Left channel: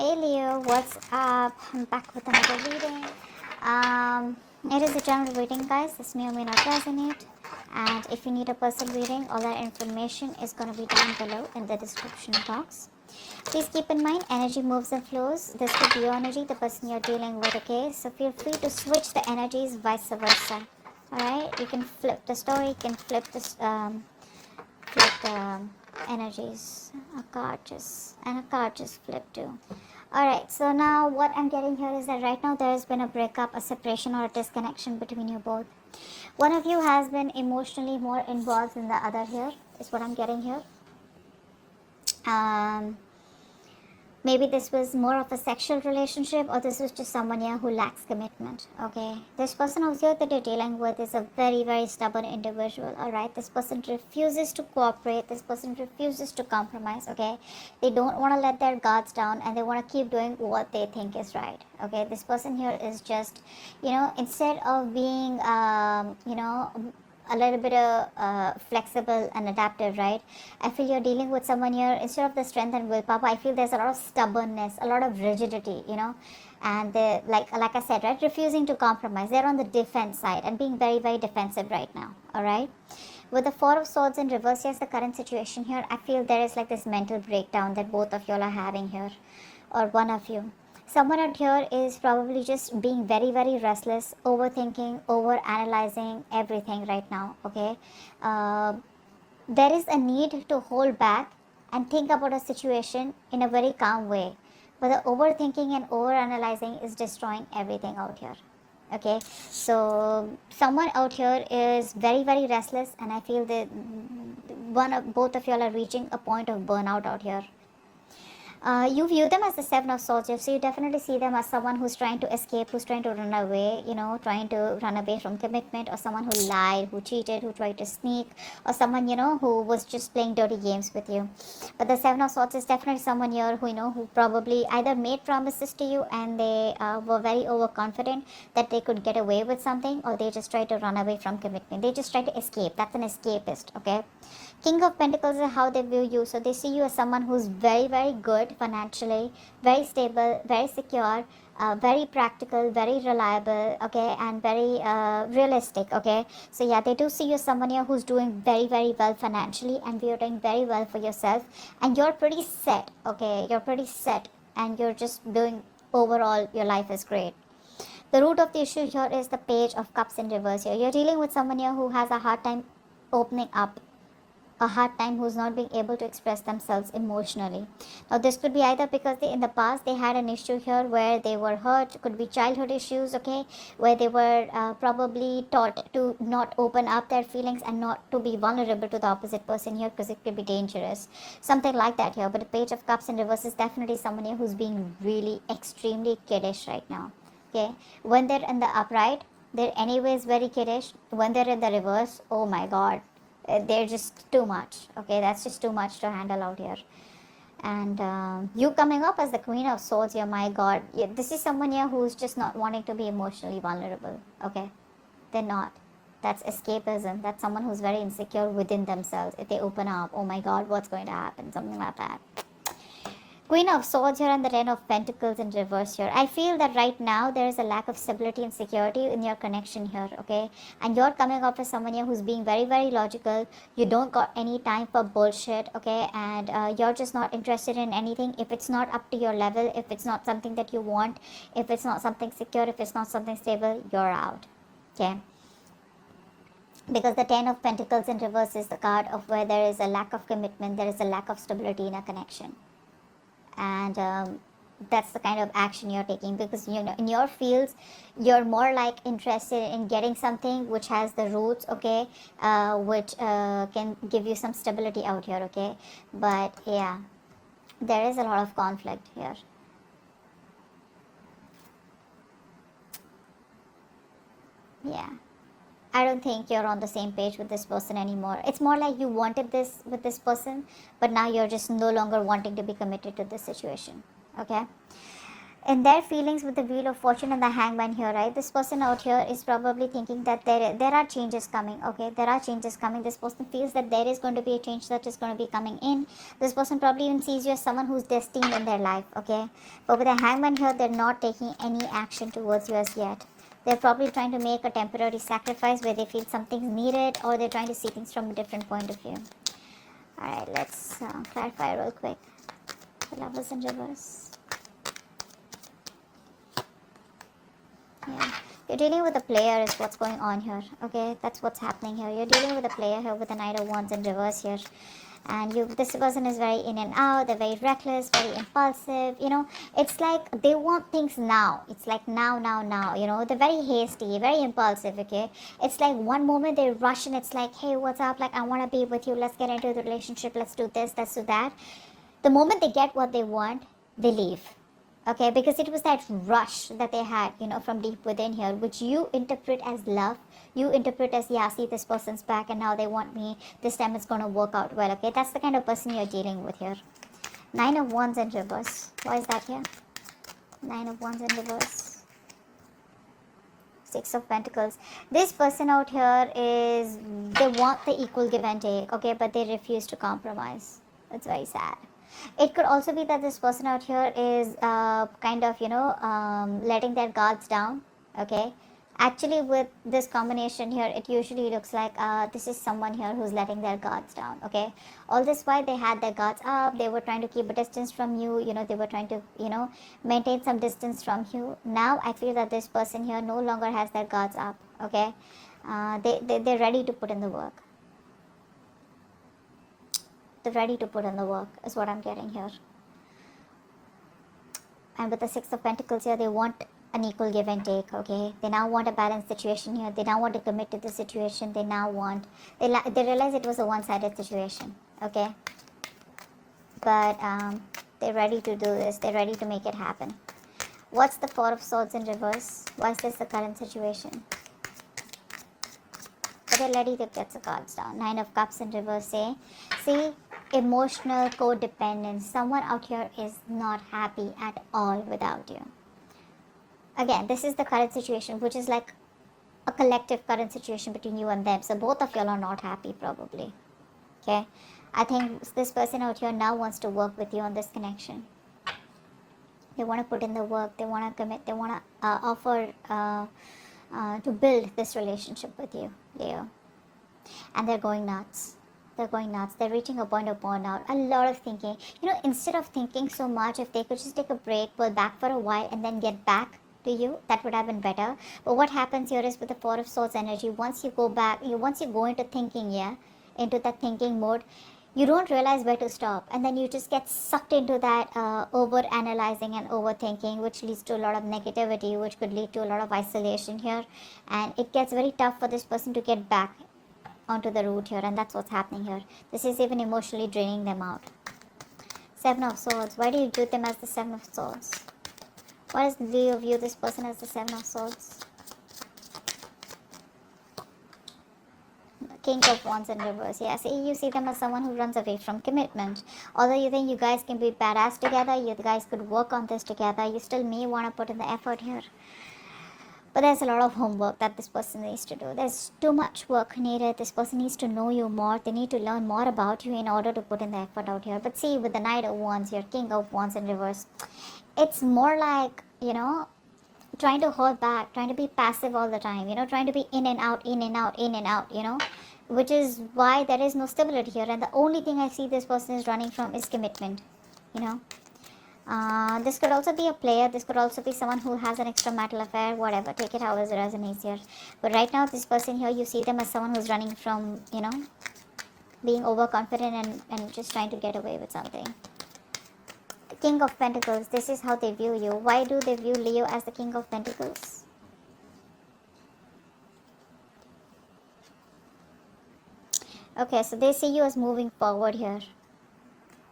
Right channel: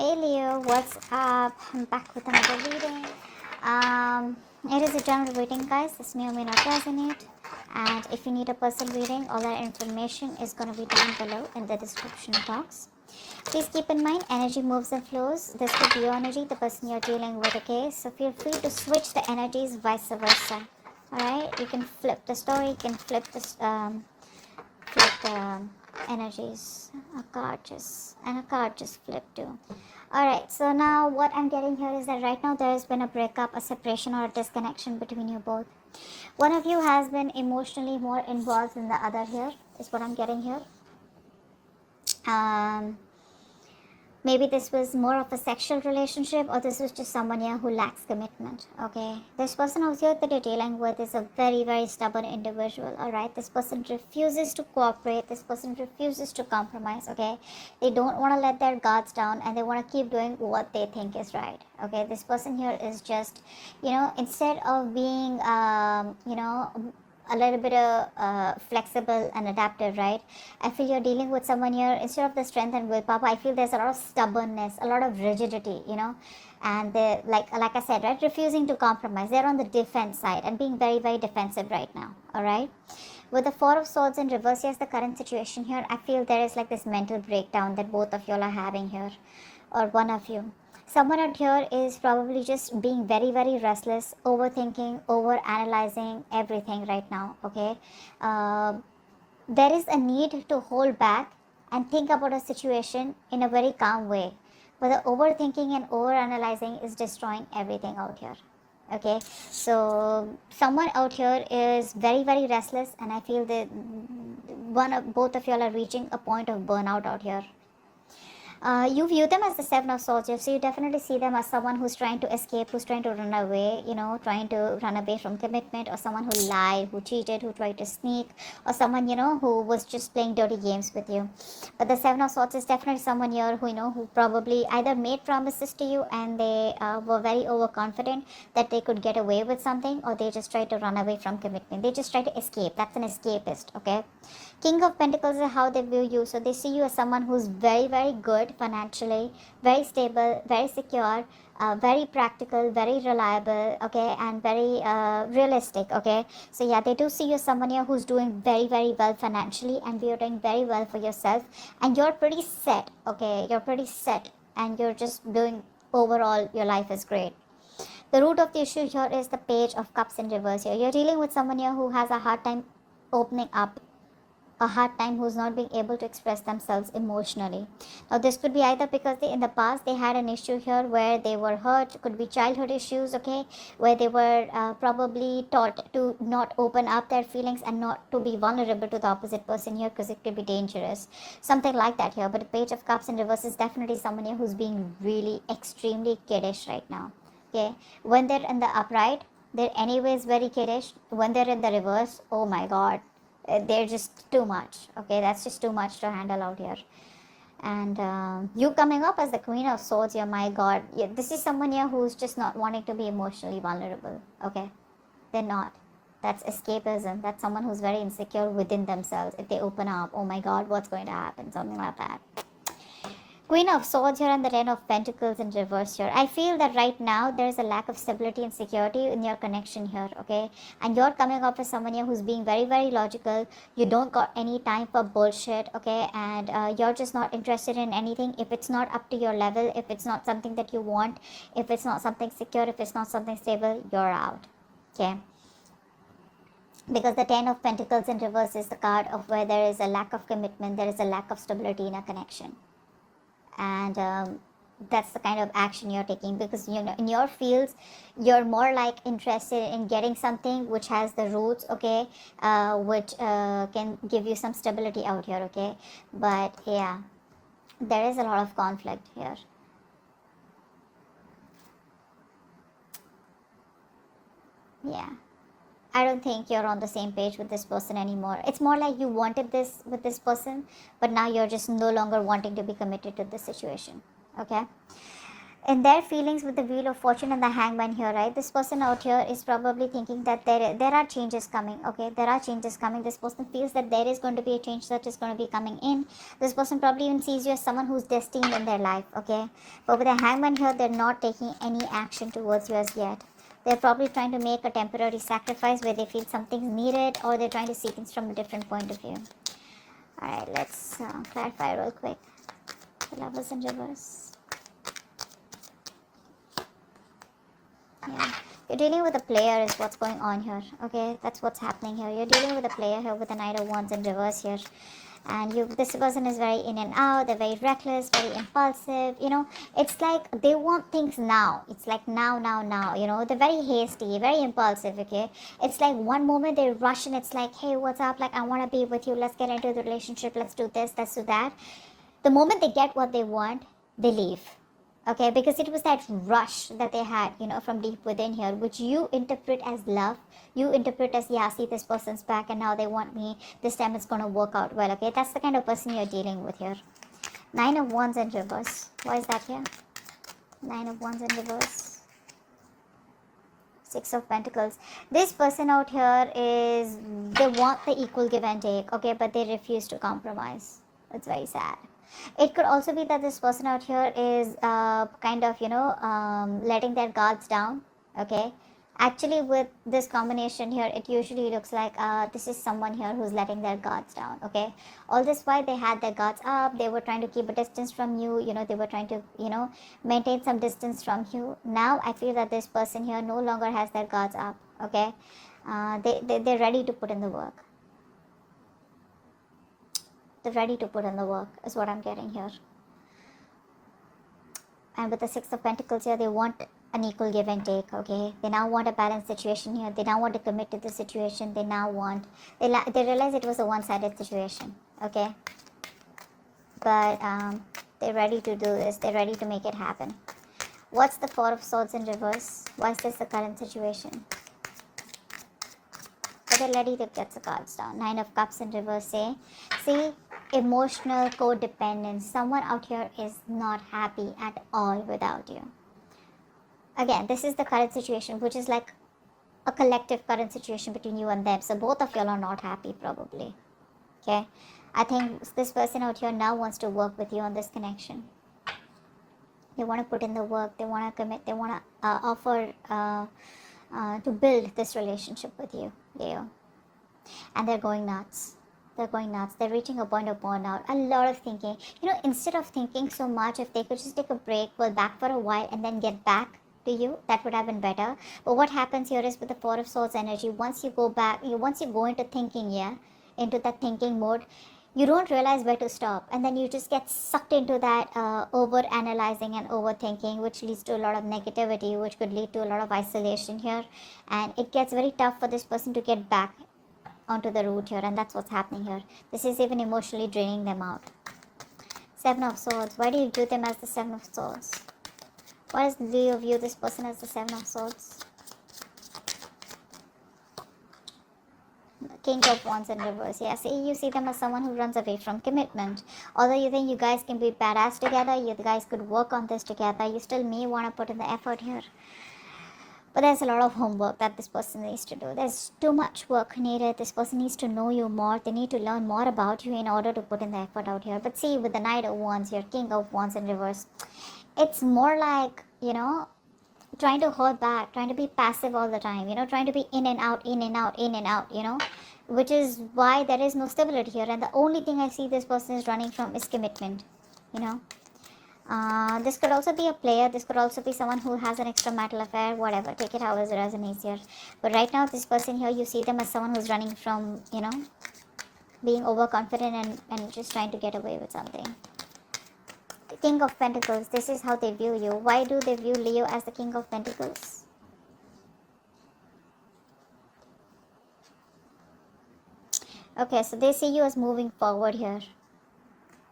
Hey Leo, what's up? I'm back with another reading. It is a general reading, guys. This may or may not resonate. And if you need a personal reading, all that information is going to be down below in the description box. Please keep in mind, energy moves and flows. This could be your energy, the person you're dealing with, okay? So feel free to switch the energies, vice versa. Alright? You can flip the story, you can flip this, energies. A card just flipped too. Alright, so now what I'm getting here is that right now there has been a breakup, a separation, or a disconnection between you both. One of you has been emotionally more involved than the other here, is what I'm getting here. Maybe this was more of a sexual relationship, or this was just someone here who lacks commitment, okay? This person out here that you're dealing with is a very, very stubborn individual, alright? This person refuses to cooperate. This person refuses to compromise, okay? They don't want to let their guards down, and they want to keep doing what they think is right, okay? This person here is just, instead of being, a little bit of flexible and adaptive, right? I feel you're dealing with someone here, instead of the strength and willpower, I feel there's a lot of stubbornness, a lot of rigidity, and like I said, right, refusing to compromise. They're on the defense side and being very, very defensive right now, all right? With the Four of Swords in reverse, yes, the current situation here, I feel there is like this mental breakdown that both of y'all are having here, or one of you. Someone out here is probably just being very, very restless, overthinking, over analyzing everything right now, okay? There is a need to hold back and think about a situation in a very calm way. But the overthinking and over analyzing is destroying everything out here, okay? So someone out here is very, very restless, and I feel that both of y'all are reaching a point of burnout out here. You view them as the Seven of Swords, so you definitely see them as someone who's trying to escape, who's trying to run away, trying to run away from commitment, or someone who lied, who cheated, who tried to sneak, or someone, who was just playing dirty games with you. But the Seven of Swords is definitely someone here who, who probably either made promises to you and they were very overconfident that they could get away with something, or they just tried to run away from commitment. They just try to escape. That's an escapist, okay? King of Pentacles is how they view you. So they see you as someone who's very, very good financially, very stable, very secure, very practical, very reliable, okay, and very realistic, okay? So yeah, they do see you as someone here who's doing very, very well financially, and you're doing very well for yourself, and you're pretty set, okay? You're pretty set, and you're just doing overall, your life is great. The root of the issue here is the Page of Cups in reverse here. You're dealing with someone here who has a hard time opening up, a hard time, who's not being able to express themselves emotionally. Now this could be either because in the past they had an issue here where they were hurt, could be childhood issues, okay, where they were probably taught to not open up their feelings and not to be vulnerable to the opposite person here, because it can be dangerous, something like that here. But the Page of Cups in reverse is definitely someone here who's being really extremely kiddish right now, okay? When they're in the upright, they're anyways very kiddish. When they're in the reverse, oh my god, they're just too much, okay? That's just too much to handle out here. And you coming up as the Queen of Swords here, my god, yeah, this is someone here who's just not wanting to be emotionally vulnerable, okay? They're not. That's escapism. That's someone who's very insecure within themselves. If they open up, oh my god, what's going to happen? Something like that. Queen of Swords here and the Ten of Pentacles in reverse here. I feel that right now there is a lack of stability and security in your connection here, okay? And you're coming up with someone here who's being very, very logical. You don't got any time for bullshit, okay? And you're just not interested in anything. If it's not up to your level, if it's not something that you want, if it's not something secure, if it's not something stable, you're out, okay? Because the Ten of Pentacles in reverse is the card of where there is a lack of commitment, there is a lack of stability in a connection. And that's the kind of action you're taking, because in your fields you're more like interested in getting something which has the roots, okay, which can give you some stability out here, okay? But yeah, there is a lot of conflict here. Yeah, I don't think you're on the same page with this person anymore. It's more like you wanted this with this person, but now you're just no longer wanting to be committed to this situation, okay? in their feelings with the wheel of fortune and the hangman here, right? This person out here is probably thinking that there are changes coming. Okay, there are changes coming. This person feels that there is going to be a change that is going to be coming in. This person probably even sees you as someone who's destined in their life. Okay, but with the hangman here, they're not taking any action towards you as yet. They're probably trying to make a temporary sacrifice where they feel something's needed, or they're trying to see things from a different point of view. Alright, let's clarify real quick. Lovers in reverse. Yeah. You're dealing with a player is what's going on here. Okay, that's what's happening here. You're dealing with a player here with the Knight of Wands in reverse here. And this person is very in and out. They're very reckless, very impulsive. You know, it's like they want things now. It's like now. You know, they're very hasty, very impulsive. Okay, it's like one moment they rush and it's like, hey, what's up? Like, I want to be with you. Let's get into the relationship. Let's do this. Let's do that. The moment they get what they want, they leave. Okay, because it was that rush that they had, you know, from deep within here, which you interpret as love. You interpret as, yeah, see, this person's back and now they want me. This time it's going to work out well. Okay, that's the kind of person you're dealing with here. Nine of Wands in reverse. Why is that here? Nine of Wands in reverse. Six of Pentacles. This person out here is, they want the equal give and take, okay, but they refuse to compromise. It's very sad. It could also be that this person out here is kind of, you know, letting their guards down, okay. Actually, with this combination here, it usually looks like this is someone here who's letting their guards down, okay. All this while they had their guards up, they were trying to keep a distance from you, you know, they were trying to, you know, maintain some distance from you. Now, I feel that this person here no longer has their guards up, okay. They're ready to put in the work. They're ready to put in the work is what I'm getting here. And with the Six of Pentacles here, they want an equal give and take, okay. They now want a balanced situation here. They now want to commit to the situation. They now want, they realize it was a one-sided situation, okay. But they're ready to do this. They're ready to make it happen. What's the Four of Swords in reverse? Why is this the current situation? They're ready to get the cards down. Nine of Cups in reverse, eh? See, emotional codependence. Someone out here is not happy at all without you. Again, this is the current situation, which is like a collective current situation between you and them. So both of y'all are not happy probably. Okay? I think this person out here now wants to work with you on this connection. They want to put in the work. They want to commit. They want to offer to build this relationship with you, Leo. And they're going nuts. They're going nuts. They're reaching a point of burnout. A lot of thinking. You know, instead of thinking so much, if they could just take a break, pull back for a while, and then get back to you, that would have been better. But what happens here is with the Four of Swords energy, once you go back, once you go into thinking, into the thinking mode, you don't realize where to stop, and then you just get sucked into that over analyzing and overthinking, which leads to a lot of negativity, which could lead to a lot of isolation here, and it gets very tough for this person to get back onto the route here, and that's what's happening here. This is even emotionally draining them out. Seven of Swords. Why do you view them as the Seven of Swords? Why do you view this person as the Seven of Swords? King of Wands in reverse. Yeah, see, you see them as someone who runs away from commitment. Although you think you guys can be badass together, you guys could work on this together, you still may want to put in the effort here. But there's a lot of homework that this person needs to do. There's too much work needed. This person needs to know you more. They need to learn more about you in order to put in the effort out here. But see, with the Knight of Wands here, King of Wands in reverse, it's more like, you know, trying to hold back, trying to be passive all the time, you know, trying to be in and out, in and out, in and out, you know, which is why there is no stability here. And the only thing I see this person is running from is commitment, you know. This could also be a player. This could also be someone who has an extramarital affair, whatever. Take it how it resonates here. But right now, this person here, you see them as someone who's running from, you know, being overconfident and just trying to get away with something. The King of Pentacles. This is how they view you. Why do they view Leo as the King of Pentacles? Okay, so they see you as moving forward here.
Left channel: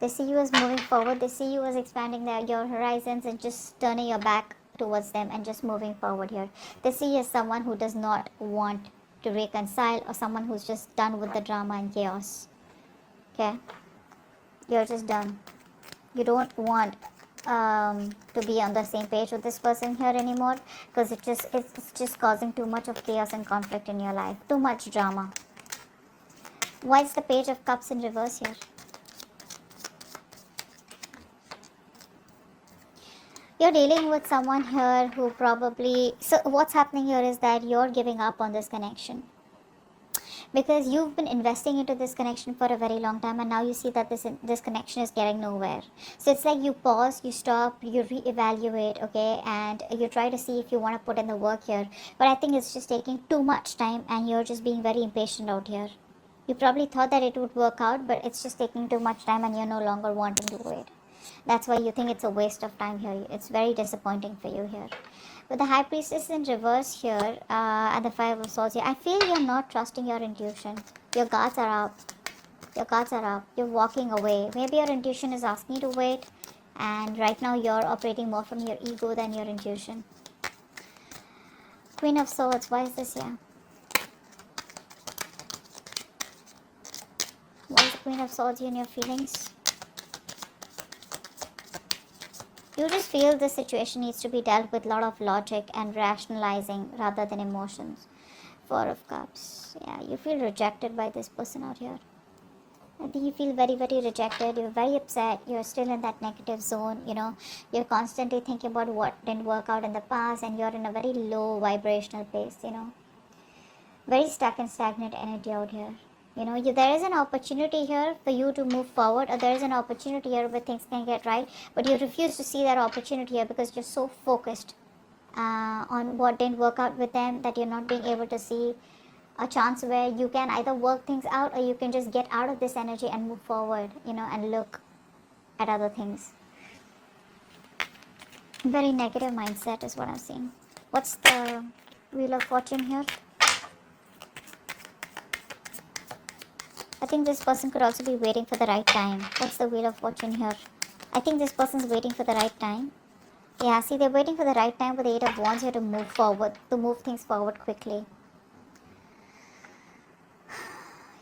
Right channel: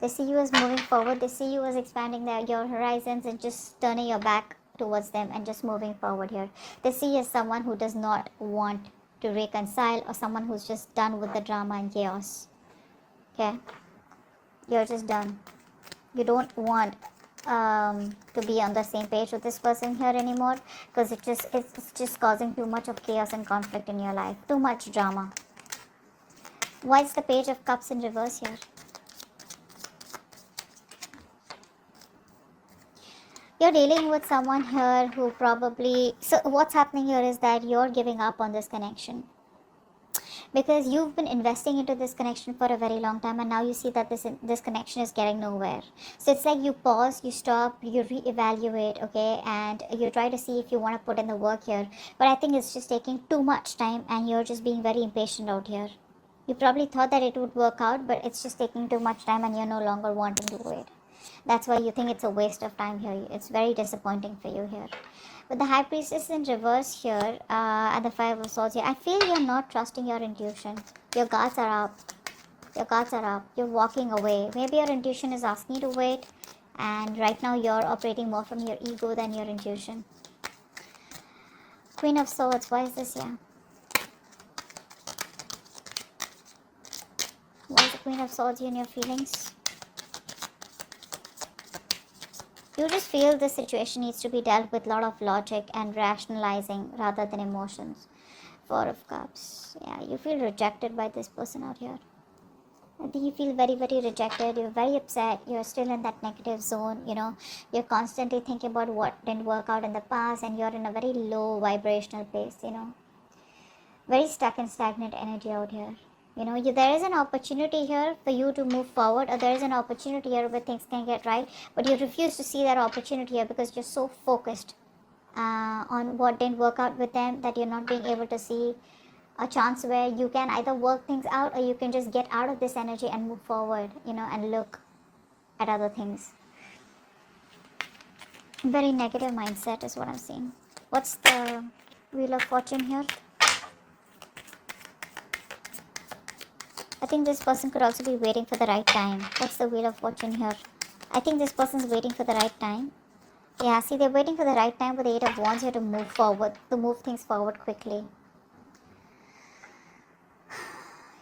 They see you as moving forward. They see you as expanding your horizons and just turning your back towards them and just moving forward here. They see you as someone who does not want to reconcile, or someone who's just done with the drama and chaos. Okay? You're just done. You don't want to be on the same page with this person here anymore, because it's just causing too much of chaos and conflict in your life, too much drama. Why is the Page of Cups in reverse here? You're dealing with someone here who probably, so what's happening here is that you're giving up on this connection, because you've been investing into this connection for a very long time, and now you see that this connection is getting nowhere. So it's like you pause, you stop, you reevaluate, okay, and you try to see if you want to put in the work here, but I think it's just taking too much time, and you're just being very impatient out here. You probably thought that it would work out, but it's just taking too much time, and you're no longer wanting to do it. That's why you think it's a waste of time here. It's very disappointing for you here. But the High Priestess in reverse here, and the Five of Swords here, I feel you're not trusting your intuition. Your guards are up. Your guards are up. You're walking away. Maybe your intuition is asking you to wait, and right now you're operating more from your ego than your intuition. Queen of Swords, why is this here? Why is the Queen of Swords here in your feelings? You just feel this situation needs to be dealt with a lot of logic and rationalizing rather than emotions. Four of Cups. Yeah, you feel rejected by this person out here. I think you feel very, very rejected. You're very upset. You're still in that negative zone. You're constantly thinking about what didn't work out in the past, and you're in a very low vibrational place. Very stuck and stagnant energy out here. There is an opportunity here for you to move forward, or there is an opportunity here where things can get right, but you refuse to see that opportunity here because you're so focused on what didn't work out with them that you're not being able to see a chance where you can either work things out, or you can just get out of this energy and move forward, and look at other things. Very negative mindset is what I'm seeing. What's the Wheel of Fortune here? I think this person could also be waiting for the right time. What's the Wheel of Fortune here? I think this person's waiting for the right time. Yeah, see, they're waiting for the right time with the Eight of Wands here to move forward, to move things forward quickly.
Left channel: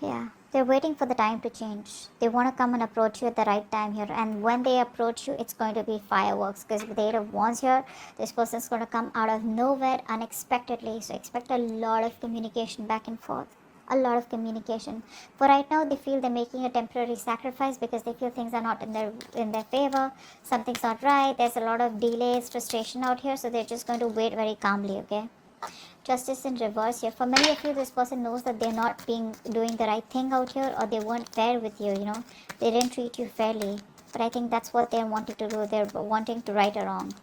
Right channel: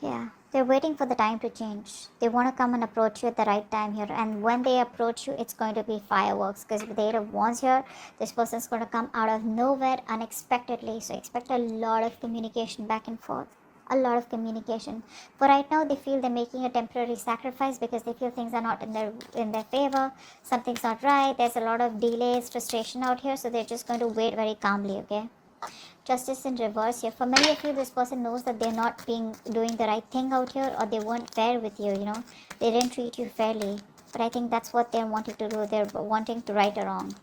Yeah, they're waiting for the time to change. They want to come and approach you at the right time here. And when they approach you, it's going to be fireworks. Because with the Eight of Wands here, this person's going to come out of nowhere unexpectedly. So expect a lot of communication back and forth. A lot of communication. For right now, they feel they're making a temporary sacrifice because they feel things are not in their favor. Something's not right. There's a lot of delays, frustration out here. So they're just going to wait very calmly, okay? Justice in reverse here. For many of you, this person knows that they're not doing the right thing out here, or they weren't fair with you, They didn't treat you fairly. But I think that's what they're wanting to do. They're wanting to right a wrong.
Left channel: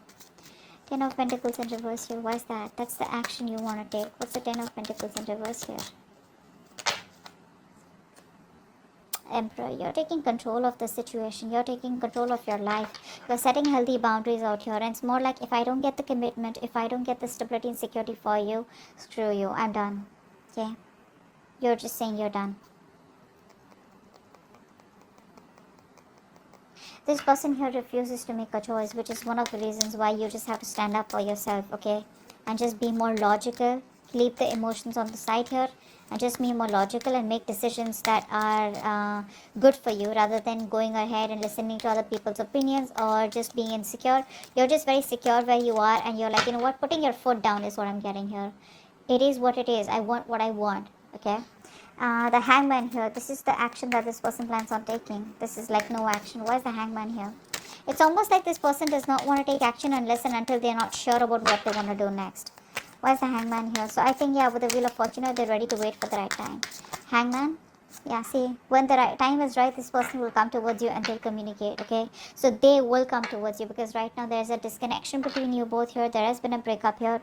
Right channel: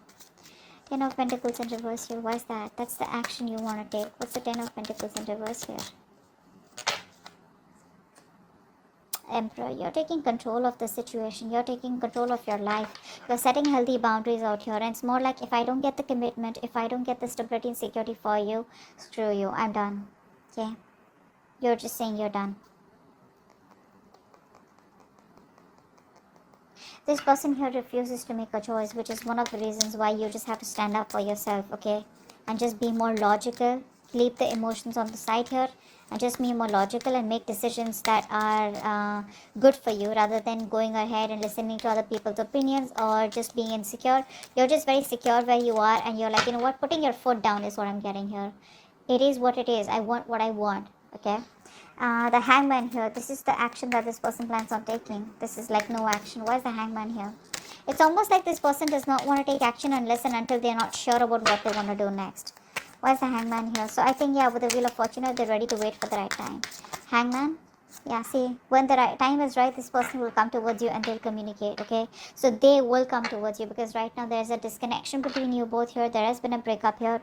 Ten of Pentacles in reverse here. What's that? That's the action you want to take. What's the Ten of Pentacles in reverse here? Emperor, you're taking control of the situation. You're taking control of your life. You're setting healthy boundaries out here. And it's more like, if I don't get the commitment, if I don't get the stability and security for you, screw you, I'm done. Okay? You're just saying you're done. This person here refuses to make a choice, which is one of the reasons why you just have to stand up for yourself, okay? And just be more logical. Leave the emotions on the side here. And just be more logical and make decisions that are good for you, rather than going ahead and listening to other people's opinions or just being insecure. You're just very secure where you are, and you're like, you know what, putting your foot down is what I'm getting here. It is what it is. I want what I want, okay? The Hangman here, this is the action that this person plans on taking. This is like no action. Why is the Hangman here? It's almost like this person does not want to take action and listen until they're not sure about what they want to do next. Why is the Hangman here? So I think, yeah, with the Wheel of Fortune, they're ready to wait for the right time. Hangman, yeah, see, when the right time is right, this person will come towards you and they'll communicate, okay? So they will come towards you, because right now there's a disconnection between you both here. There has been a breakup here.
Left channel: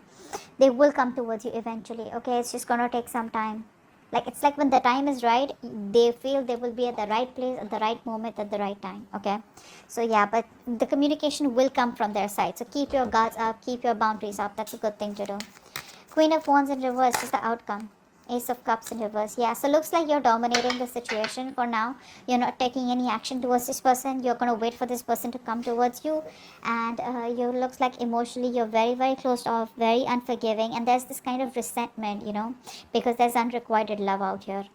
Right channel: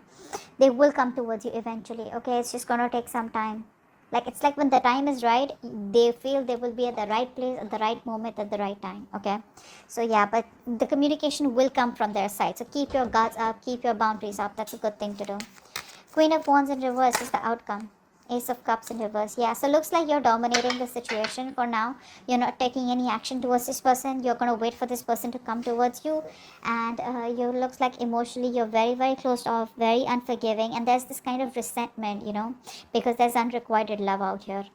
They will come towards you eventually, okay? It's just gonna take some time. Like, it's like when the time is right, they feel they will be at the right place at the right moment at the right time, okay? So yeah, but the communication will come from their side. So keep your guards up, keep your boundaries up. That's a good thing to do. Queen of Wands in reverse is the outcome. Ace of Cups in reverse. Yeah, so looks like you're dominating the situation for now. You're not taking any action towards this person. You're going to wait for this person to come towards you. And you looks like emotionally you're very, very closed off, very unforgiving. And there's this kind of resentment, because there's unrequited love out here.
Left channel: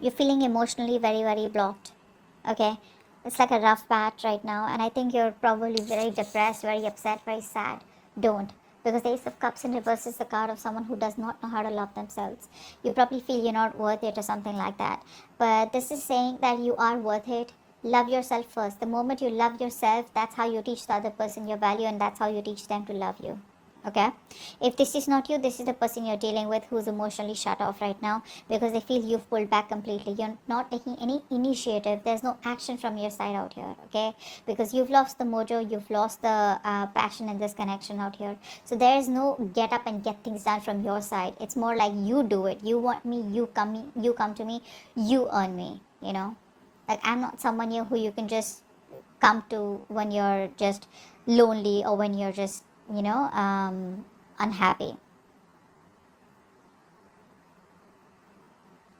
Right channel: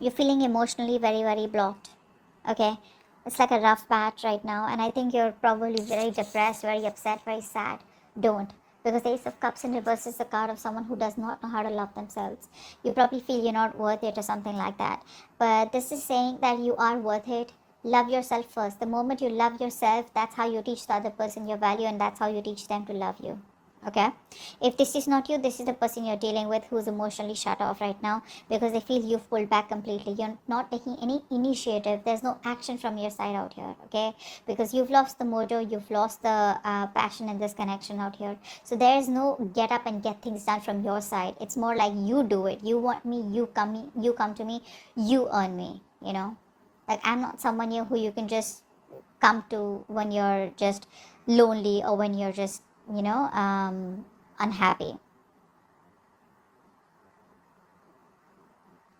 You're feeling emotionally very, very blocked. Okay? It's like a rough patch right now, and I think you're probably very depressed, very upset, very sad. Don't. Because the Ace of Cups in reverse is a card of someone who does not know how to love themselves. You probably feel you're not worth it or something like that. But this is saying that you are worth it. Love yourself first. The moment you love yourself, that's how you teach the other person your value, and that's how you teach them to love you. Okay, if this is not you, this is the person you're dealing with who's emotionally shut off right now because they feel you've pulled back completely. You're not taking any initiative. There's no action from your side out here. Okay, because you've lost the mojo, you've lost the passion in this connection out here. So there is no get up and get things done from your side. It's more like you do it. You want me, you come to me, you earn me. You know, like I'm not someone who you can just come to when you're just lonely or when you're just unhappy.